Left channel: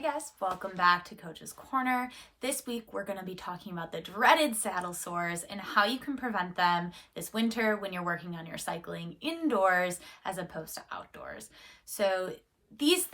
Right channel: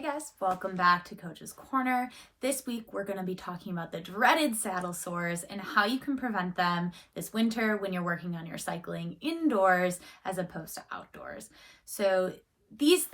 Hey guys, welcome back to Coach's Corner. This week we're going to be talking about the dreaded saddle sores and how you can prevent them this winter when you're working on your cycling indoors as opposed to outdoors. So these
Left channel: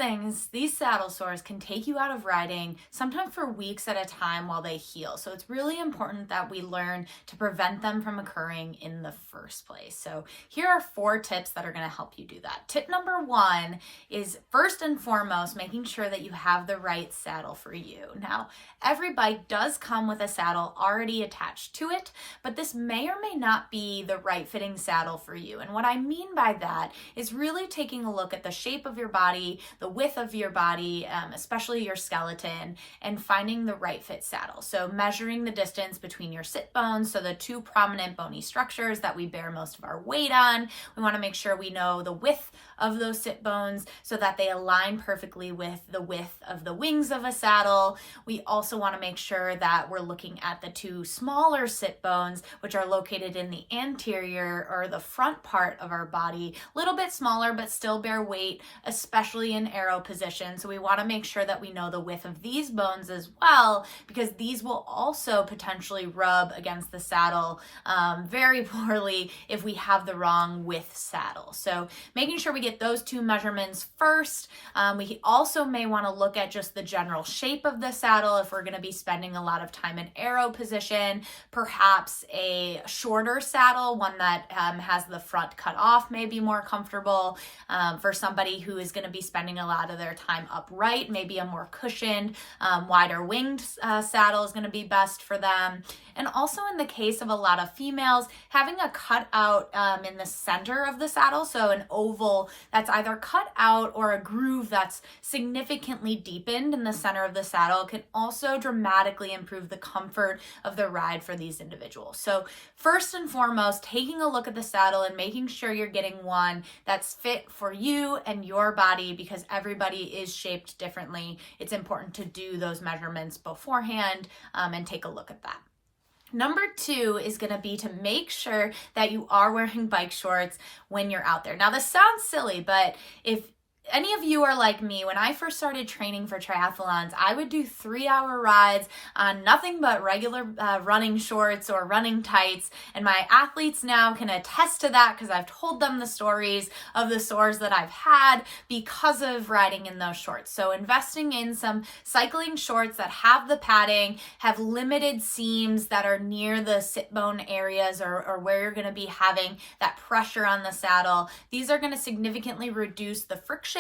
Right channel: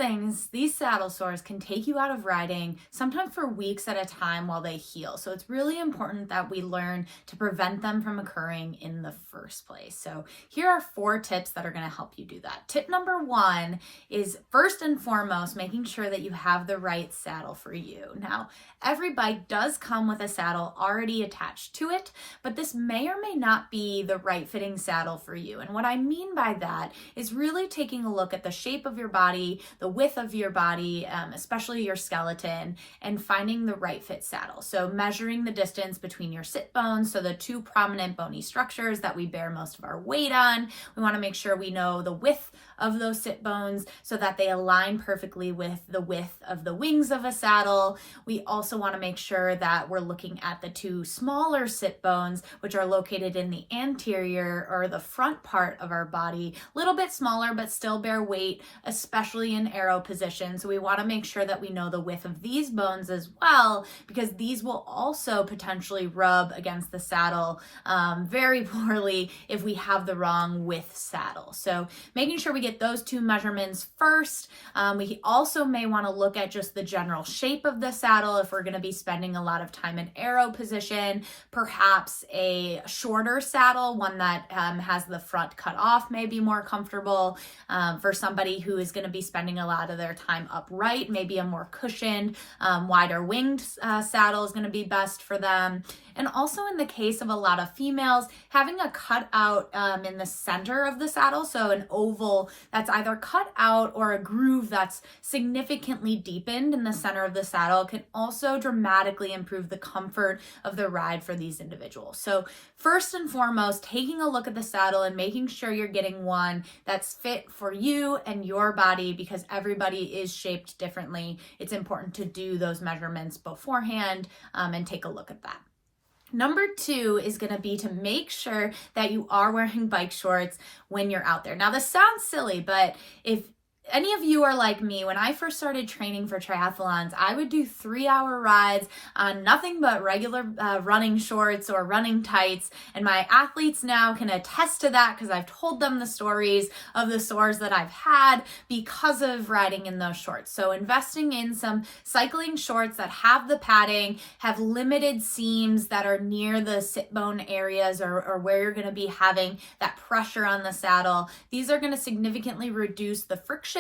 saddle sores can take you out of riding sometimes for weeks at a time while they heal. So it's really important that we learn to prevent them from occurring in the first place. So here are 4 tips that are going to help you do that. Tip number 1 is first and foremost, making sure that you have the right saddle for you. Now, every bike does come with a saddle already attached to it, but this may or may not be the right fitting saddle for you. And what I mean by that is really taking a look at the shape of your body, the width of your body, especially your skeleton, and finding the right fit saddle. So measuring the distance between your sit bones, so the 2 prominent bony structures that we bear most of our weight on. We want to make sure we know the width of those sit bones so that they align perfectly with the width of the wings of a saddle. We also want to make sure that we're looking at the 2 smaller sit bones, which are located in the anterior or the front part of our body, a little bit smaller, but still bear weight, especially in arrow position. So we want to make sure that we know the width of these bones as well, because these will also potentially rub against the saddle very poorly if we have the wrong width saddle. So making sure we get those 2 measurements first. We also may want to look at just the general shape of the saddle if we're going to be spending a lot of time in arrow position. Perhaps a shorter saddle, one that has the front cut off, may be more comfortable. For somebody who is going to be spending a lot of their time upright, maybe a more cushioned, wider winged saddle is going to be best for them. And also in the case of a lot of females, having a cutout in the center of the saddle, so an oval that's either cut out or a groove that's significantly deepened in the center of the saddle, can also dramatically improve the comfort of the ride for these individuals. So first and foremost, taking a look at the saddle and making sure you're getting one that's fit for you and your body, because everybody is shaped differently. It's important to do those measurements beforehand and take a look at that. Number 2 is going to be to make sure that you are wearing bike shorts when you're out there. Now, this sounds silly, but if any of you are like me, when I first started training for triathlons, I would do 3-hour rides on nothing but regular running shorts or running tights. And my athletes now can attest to that because I've told them the stories of the sores that I've had because of riding in those shorts. So investing in some cycling shorts that have the padding, have limited seams that are near the sit bone areas or where you're going to be having that pressure on the saddle. These are going to significantly reduce the friction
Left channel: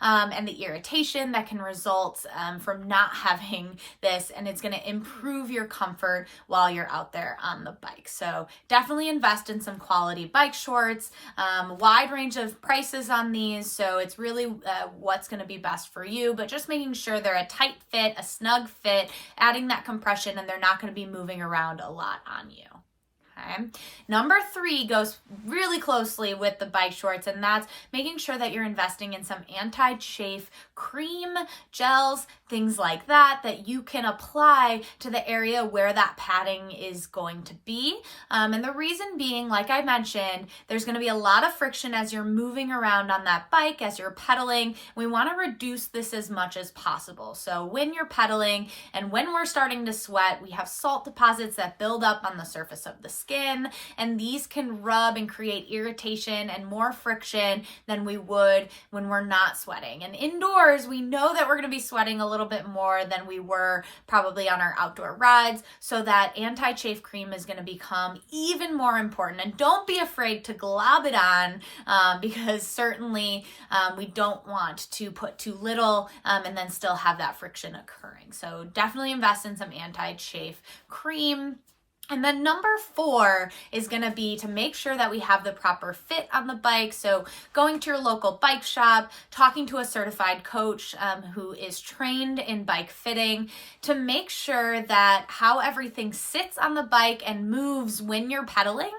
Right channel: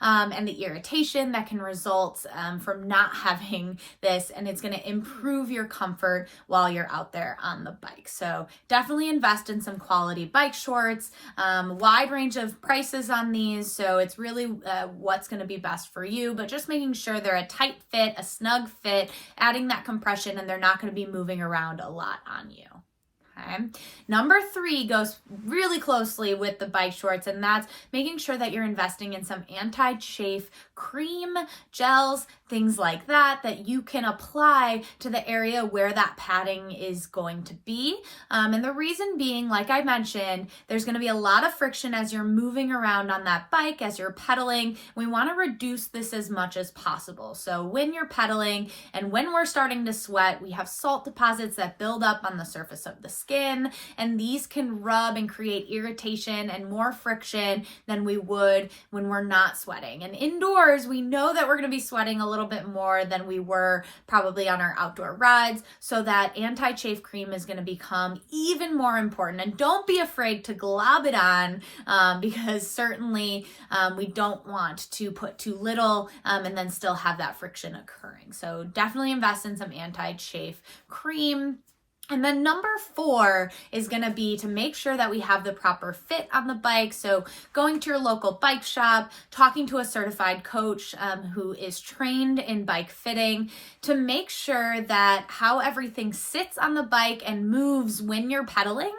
and the irritation that can result from not having this, and it's going to improve your comfort while you're out there on the bike. So definitely invest in some quality bike shorts, wide range of prices on these, so it's really what's going to be best for you, but just making sure they're a tight fit, a snug fit, adding that compression, and they're not going to be moving around a lot on you. Okay. Number 3 goes really closely with the bike shorts, and that's making sure that you're investing in some anti-chafe cream, gels, things like that you can apply to the area where that padding is going to be. And the reason being, like I mentioned, there's going to be a lot of friction as you're moving around on that bike, as you're pedaling. We want to reduce this as much as possible. So when you're pedaling and when we're starting to sweat, we have salt deposits that build up on the surface of the skin, and these can rub and create irritation and more friction than we would when we're not sweating. And indoors, we know that we're going to be sweating a little bit more than we were probably on our outdoor rides, so that anti-chafe cream is going to become even more important. And don't be afraid to glob it on because certainly we don't want to put too little and then still have that friction occurring. So definitely invest in some anti-chafe cream. And then number 4 is going to be to make sure that we have the proper fit on the bike. So going to your local bike shop, talking to a certified coach who is trained in bike fitting to make sure that how everything sits on the bike and moves when you're pedaling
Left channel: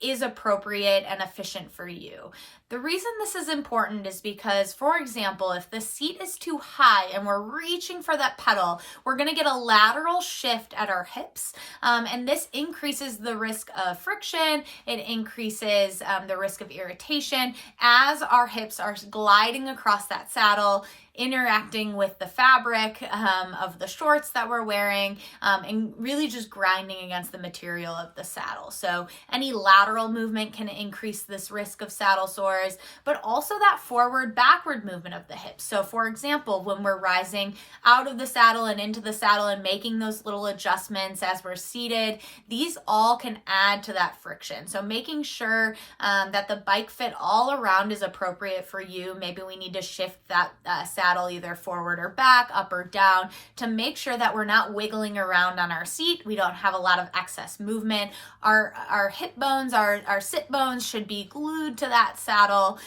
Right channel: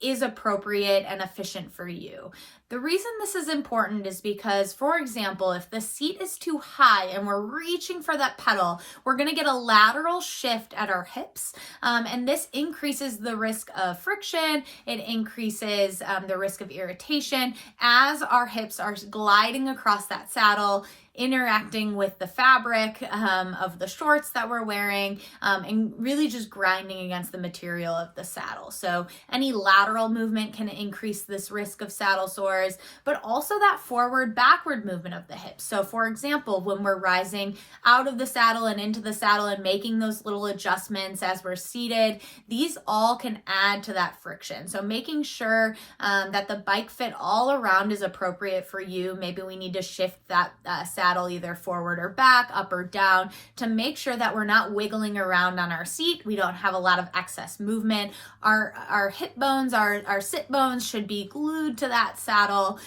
is appropriate and efficient for you. The reason this is important is because, for example, if the seat is too high and we're reaching for that pedal, we're going to get a lateral shift at our hips, and this increases the risk of friction. It increases the risk of irritation as our hips are gliding across that saddle. interacting with the fabric of the shorts that we're wearing, and really just grinding against the material of the saddle. So any lateral movement can increase this risk of saddle sores, but also that forward backward movement of the hips. So for example, when we're rising out of the saddle and into the saddle and making those little adjustments as we're seated, these all can add to that friction. So making sure that the bike fit all around is appropriate for you. Maybe we need to shift that saddle either forward or back, up or down, to make sure that we're not wiggling around on our seat. We don't have a lot of excess movement. Our hip bones, our sit bones should be glued to that saddle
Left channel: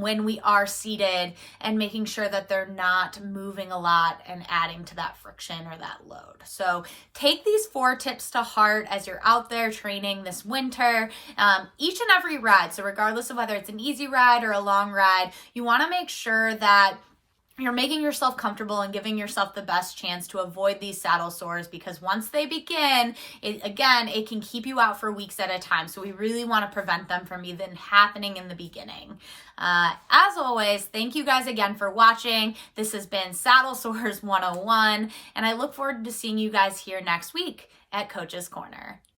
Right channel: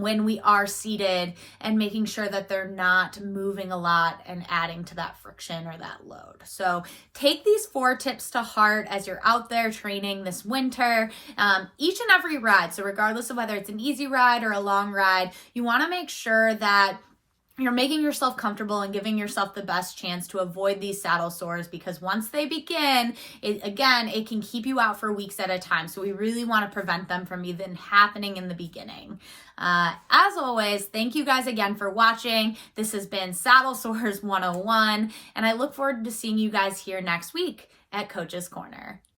when we are seated, and making sure that they're not moving a lot and adding to that friction or that load. So take these 4 tips to heart as you're out there training this winter. Each and every ride, so regardless of whether it's an easy ride or a long ride, you want to make sure that you're making yourself comfortable and giving yourself the best chance to avoid these saddle sores, because once they begin, it can keep you out for weeks at a time. So we really want to prevent them from even happening in the beginning. As always, thank you guys again for watching. This has been Saddle Sores 101, and I look forward to seeing you guys here next week at Coach's Corner.